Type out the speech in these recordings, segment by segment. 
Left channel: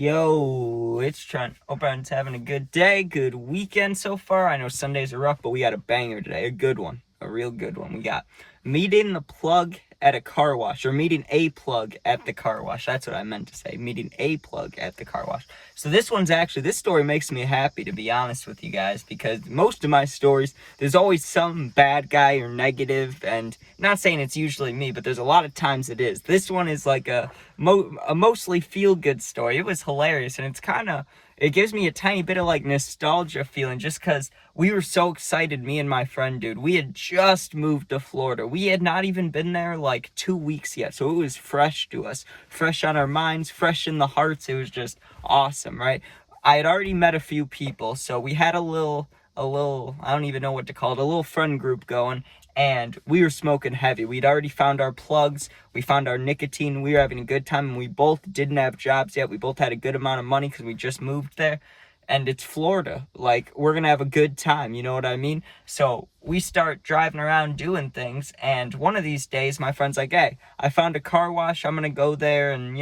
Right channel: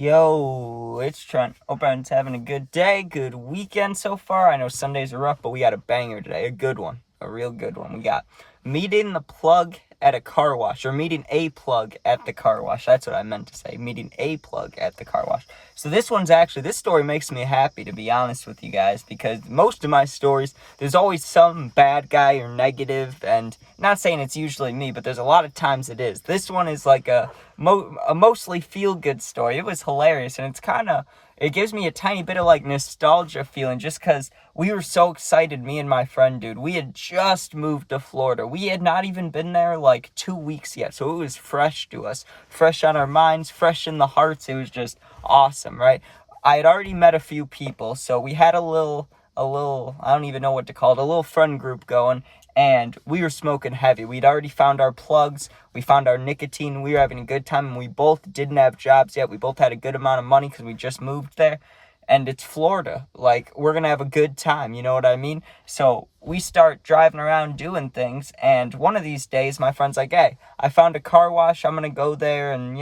Yo, it's Trent. Hope everyone's having a good day, good weekend so far. I know Sundays are rough, but we got a banger today, a good one, a real good one. We got meeting the plug at a car wash, or meeting a plug at the car wash. That's what I meant to say, meeting a plug at the car wash. So this story makes me happy, to be honest with you guys, because most of my stories, there's always some bad guy or negative, and not saying it's usually me, but there's a lot of times it is. This one is like a mostly feel-good story. It was hilarious, and it gives me a tiny bit of like nostalgia feeling, just because we were so excited, me and my friend, dude. We had just moved to Florida. We had not even been there like 2 weeks yet, so it was fresh to us, fresh on our minds, fresh in the hearts. It was just awesome, right? I had already met a few people, so we had a little, I don't even know what to call it, a little friend group going, and we were smoking heavy. We'd already found our plugs, we found our nicotine, we were having a good time, and we both didn't have jobs yet. We both had a good amount of money because we just moved there, and it's Florida. Like, we're gonna have a good time, you know what I mean? So we start driving around doing things, and one of these days, my friend's like, hey, I found a car wash, I'm gonna go there and,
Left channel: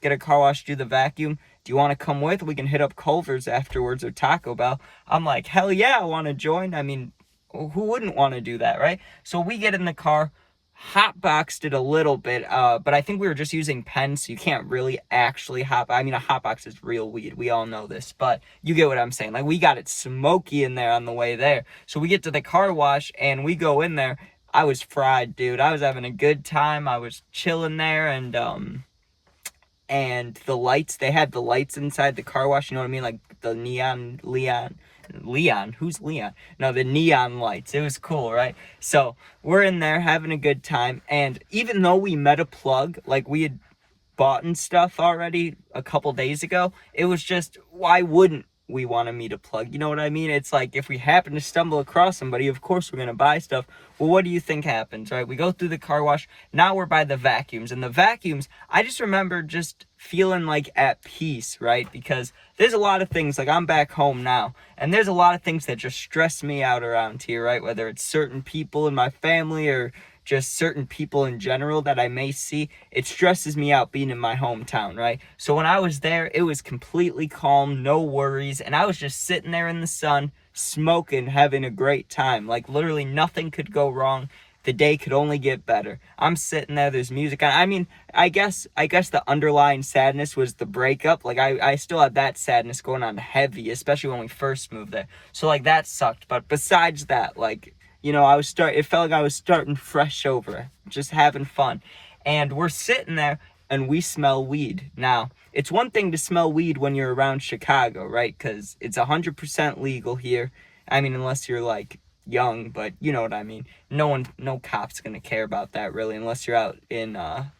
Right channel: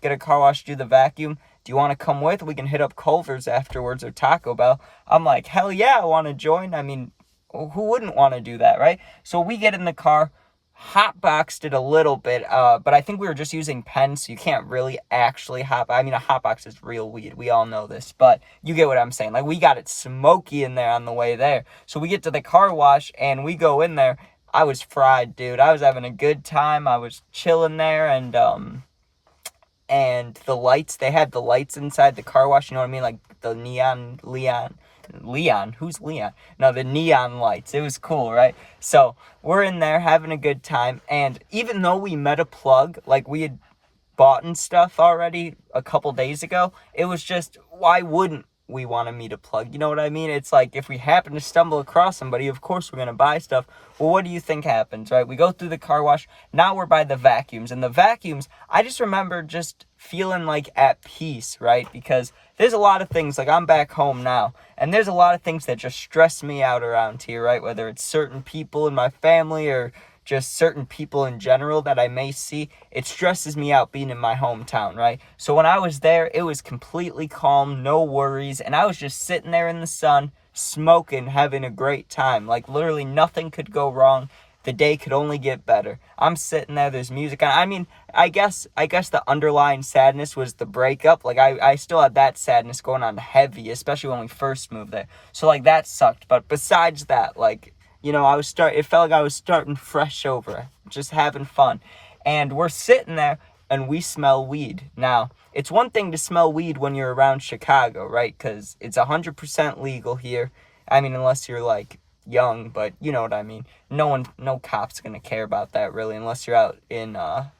get a car wash, do the vacuum. Do you want to come with? We can hit up Culver's afterwards or Taco Bell. I'm like, hell yeah, I want to join. I mean, who wouldn't want to do that, right? So we get in the car, hotboxed it a little bit, but I think we were just using pens, so you can't really actually I mean, a hotbox is real weed. We all know this, but you get what I'm saying. Like, we got it smoky in there on the way there. So we get to the car wash, and we go in there. I was fried, dude. I was having a good time. I was chilling there, and the lights, they had the lights inside the car wash, you know what I mean? Like the Leon, who's Leon? No, the neon lights. It was cool, right? So we're in there having a good time, and even though we met a plug, like we had bought and stuff already a couple days ago, it was just, why wouldn't we want to meet a plug? You know what I mean? It's like, if we happen to stumble across somebody, of course we're going to buy stuff. Well, what do you think happens, right? We go through the car wash. Now we're by the vacuums. And the vacuums, I just remember just feeling like at peace, right? Because there's a lot of things, like I'm back home now, and there's a lot of things that just stress me out around here, right? Whether it's certain people in my family or just certain people in general that I may see, it stresses me out being in my hometown, right? So when I was there, it was completely calm, no worries, and I was just sitting there in the sun, smoking, having a great time. Like, literally nothing could go wrong. The day could only get better. I'm sitting there, there's music on. I mean, I guess the underlying sadness was the breakup. Like, I still had that sadness going on heavy, especially when we first moved there. So, like, that sucked. But besides that, like, it felt like I was starting fresh over, just having fun. And we're sitting there, and we smell weed. Now, it's one thing to smell weed when you're around Chicago, right? Because it's 100% legal here. I mean, unless you're, like, young, but you know what I mean. No cop's gonna care about that, really, unless you're out in,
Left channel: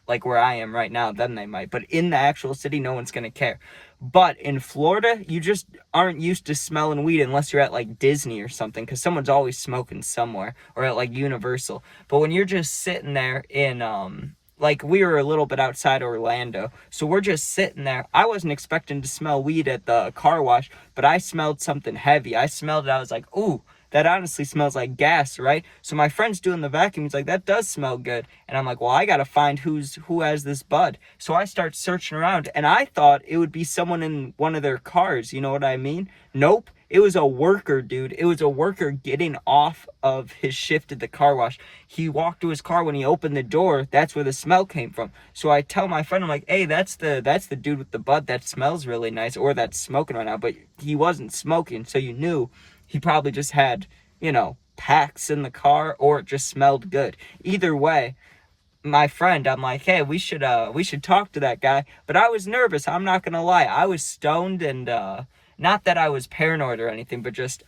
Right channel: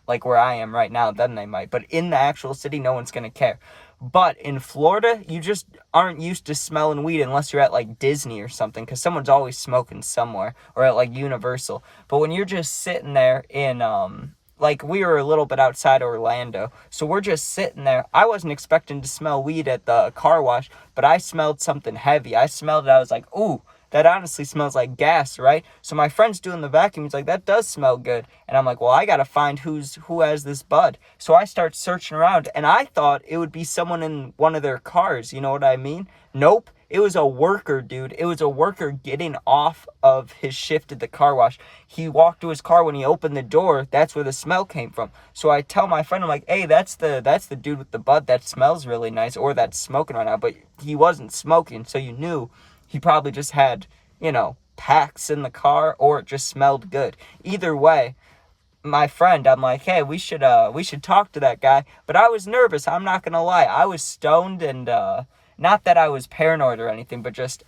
like where I am right now, then they might. But in the actual city, no one's gonna care. But in Florida, you just aren't used to smelling weed unless you're at, like, Disney or something, because someone's always smoking somewhere, or at, like, Universal. But when you're just sitting there in, like, we were a little bit outside Orlando, so we're just sitting there. I wasn't expecting to smell weed at the car wash, but I smelled something heavy. I smelled it, I was like, ooh, that honestly smells like gas, right? So my friend's doing the vacuum. He's like, that does smell good. And I'm like, well, I got to find who has this bud. So I start searching around, and I thought it would be someone in one of their cars. You know what I mean? Nope. It was a worker, dude. It was a worker getting off of his shift at the car wash. He walked to his car. When he opened the door, that's where the smell came from. So I tell my friend, I'm like, hey, that's the dude with the bud that smells really nice, or that's smoking right now. But he wasn't smoking, so you knew he probably just had, packs in the car, or it just smelled good. Either way, my friend, I'm like, hey, we should talk to that guy. But I was nervous, I'm not gonna lie. I was stoned, and not that I was paranoid or anything, but just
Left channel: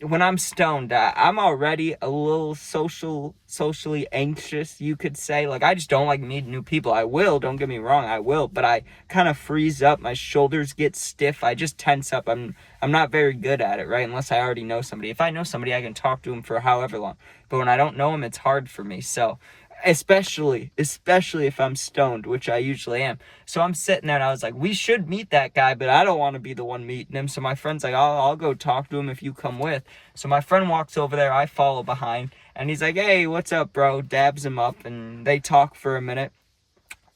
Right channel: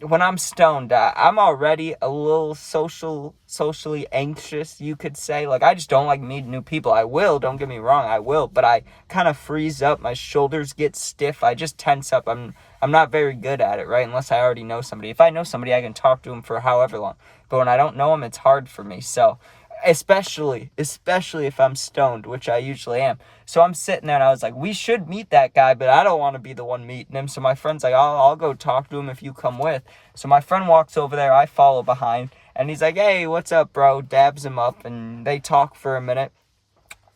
when I'm stoned, I'm already a little socially anxious, you could say. Like, I just don't like meeting new people. I will, don't get me wrong, I will, but I kind of freeze up. My shoulders get stiff. I just tense up. I'm not very good at it, right? Unless I already know somebody. If I know somebody, I can talk to them for however long. But when I don't know them, it's hard for me. So, especially if I'm stoned, which I usually am. So I'm sitting there, and I was like, we should meet that guy, but I don't want to be the one meeting him. So my friend's like, I'll go talk to him if you come with. So my friend walks over there, I follow behind, and he's like, hey, what's up, bro? Dabs him up, and they talk for a minute.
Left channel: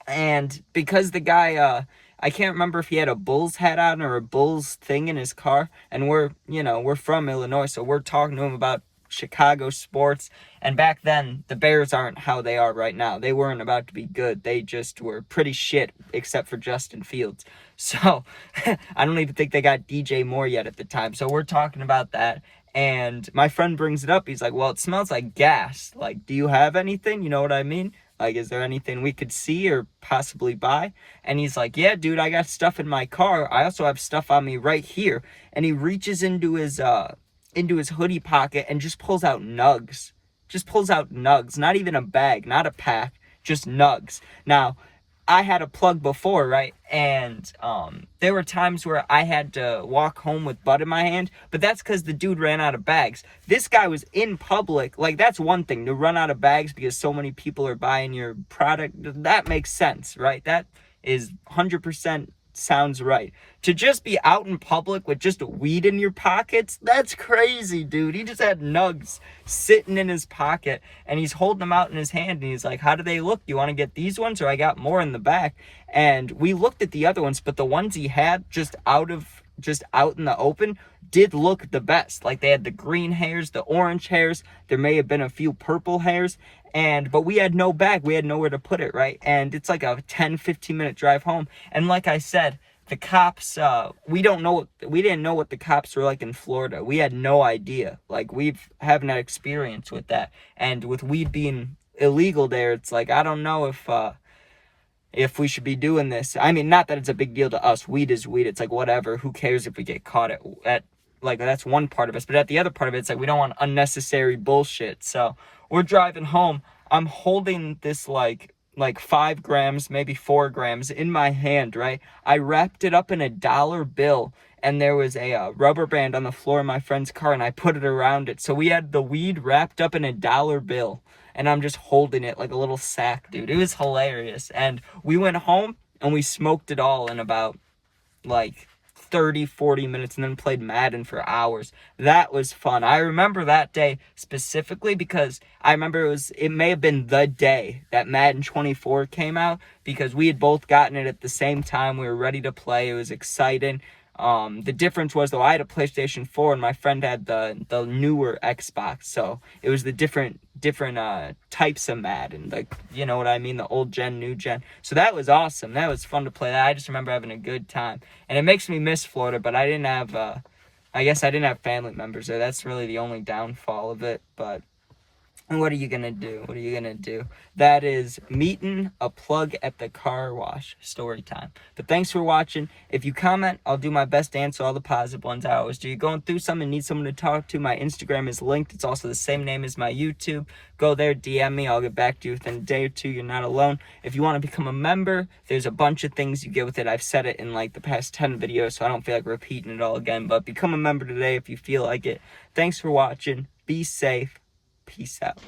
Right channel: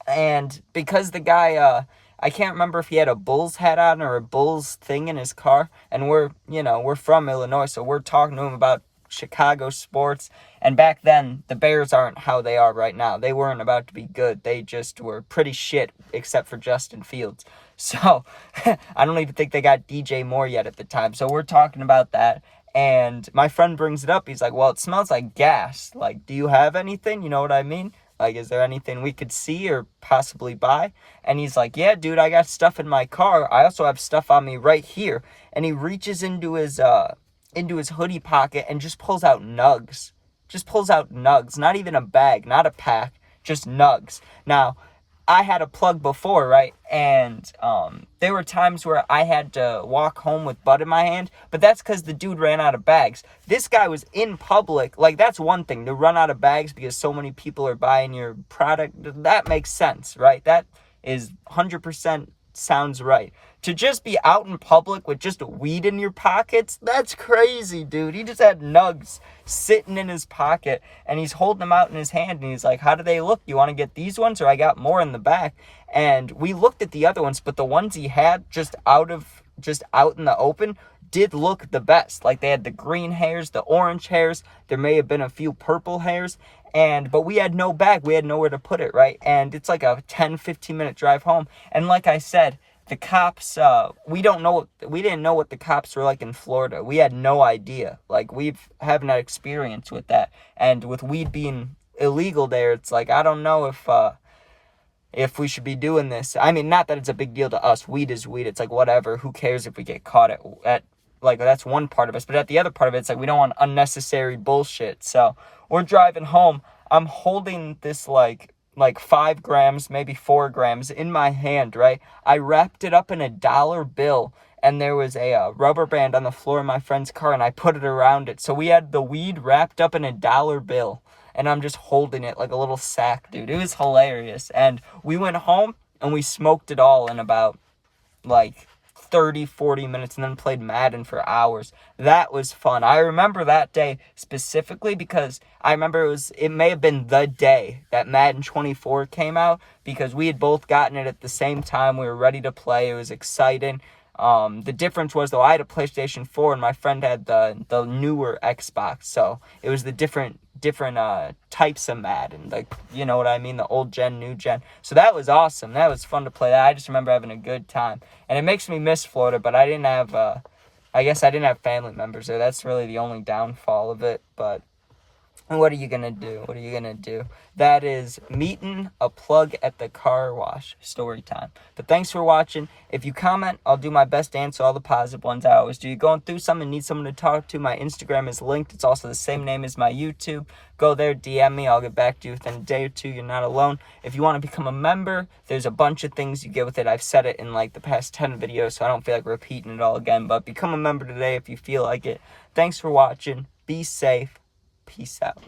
And because the guy, I can't remember if he had a Bulls hat on or a Bulls thing in his car. And we're from Illinois, so we're talking to him about Chicago sports. And back then, the Bears aren't how they are right now. They weren't about to be good. They just were pretty shit, except for Justin Fields. So I don't even think they got DJ Moore yet at the time. So we're talking about that. And my friend brings it up. He's like, well, it smells like gas. Like, do you have anything? You know what I mean? Like, is there anything we could see or possibly buy? And he's like, yeah, dude, I got stuff in my car. I also have stuff on me right here. And he reaches into his hoodie pocket and just pulls out nugs. Just pulls out nugs. Not even a bag, not a pack, just nugs. Now, I had a plug before, right? And there were times where I had to walk home with bud in my hand, but that's because the dude ran out of bags. This guy was in public. Like, that's one thing, to run out of bags because so many people are buying your product. That makes sense, right? That is 100% sounds right. To just be out in public with just weed in your pockets, that's crazy, dude. He just had nugs sitting in his pocket, and he's holding them out in his hand, and he's like, how do they look? You want to get these ones, or I got more in the back? And we looked at the other ones, but the ones he had just out in the open did look the best. Like, they had the green hairs, the orange hairs, there may have been a few purple hairs, but we had no bag. We had nowhere to put it, right? And it's like a 10-15 minute drive home. And like I said, the cops, we didn't know what the cops were like in Florida. We had no idea. Like, haven't had experience with that. And with weed being illegal there, it's like, I don't know if we should be doing this. I mean, not that it's a big deal to us. Weed is weed. It's like, whatever. Who cares if we get caught at like, that's one part of us. But at the other part of it, it's like, we don't want unnecessary bullshit. So we're driving home. I'm holding this like 5 grams, maybe 4 grams in my hand, right? I wrapped it up in a dollar bill, and there was a rubber band on the floor of my friend's car, and I put it around it. So we had the weed wrapped up in a dollar bill, and I'm just holding it like a little sack, dude. It was hilarious. And we went home, and we smoked it all in about like 30-40 minutes, and then played Madden for hours. That was fun. I remember that day specifically because I remember it may have been the day that Madden 24 came out, because we had both gotten it at the same time. We were ready to play. It was exciting. The difference was, though, I had a PlayStation 4 and my friend had the newer Xbox, so it was the different types of Madden, like, you know what I mean, the old gen, new gen. So that was awesome. That was fun to play that. I just remember having a good time, and it makes me miss Florida, but I guess I didn't have family members there. That's really the only downfall of it. But what are you gonna do? That is meeting a plug at the car wash story time. But thanks for watching. If you comment, I'll do my best to answer all the positive ones. I always do. You're going through something, need someone to talk to, my Instagram is linked. It's also the same name as my YouTube. Go there, DM me. I'll get back to you within a day or two. You're not alone. If you want to become a member, there's a bunch of things you get with it. I've said it in like the past 10 videos, so I don't feel like repeating it all again. But become a member today if you feel like it. Thanks for watching. Be safe. Peace out.